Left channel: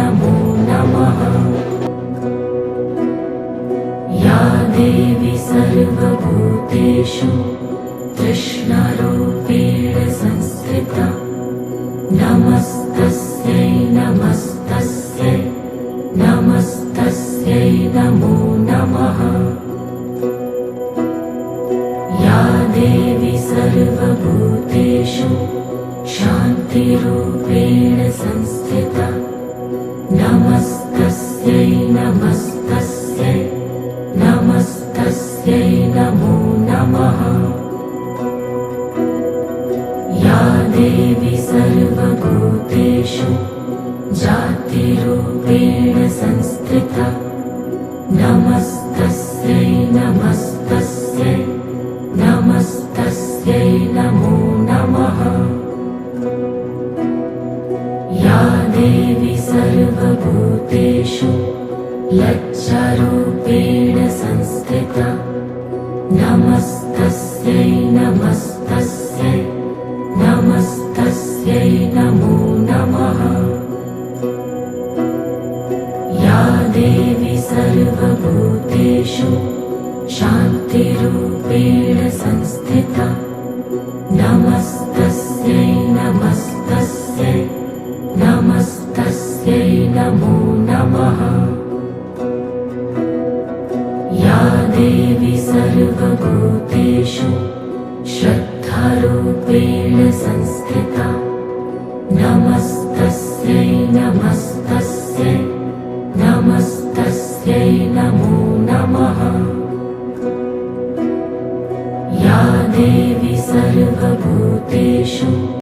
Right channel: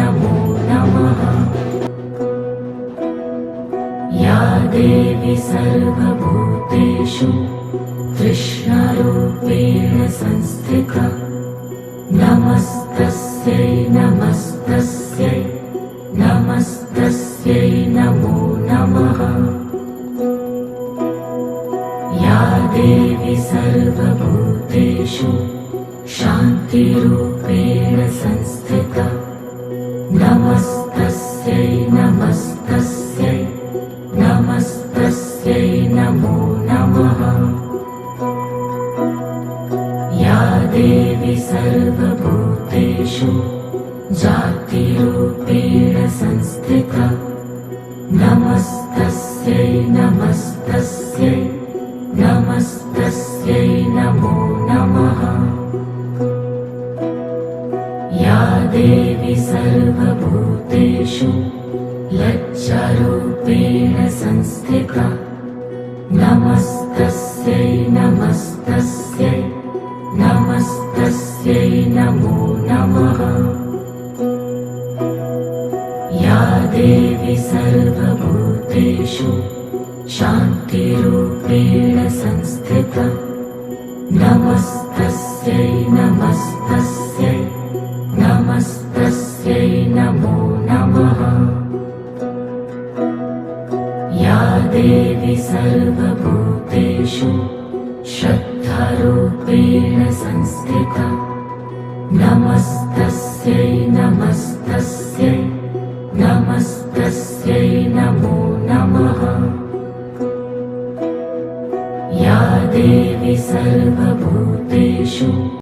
नमो नमः। या देवी सर्वभूतेषु कृष्णरूपेण संस्थिता नमस्तस्यै नमस्तस्यै नमस्तस्यै नमो नमः। या देवी सर्वभूतेषु शान्तिरूपेण संस्थिता नमस्तस्यै नमस्तस्यै नमस्तस्यै नमो नमः। या देवी सर्वभूतेषु जातिरूपेण संस्थिता नमस्तस्यै नमस्तस्यै नमस्तस्यै नमो नमः। या देवी सर्वभूतेषु लज्जारूपेण संस्थिता नमस्तस्यै नमस्तस्यै नमस्तस्यै नमो नमः। या देवी सर्वभूतेषु शान्तिरूपेण संस्थिता नमस्तस्यै नमस्तस्यै नमस्तस्यै नमो नमः। या देवी सर्वभूतेषु श्रद्धारूपेण संस्थिता नमस्तस्यै नमस्तस्यै नमस्तस्यै नमो नमः। या देवी सर्वभूतेषु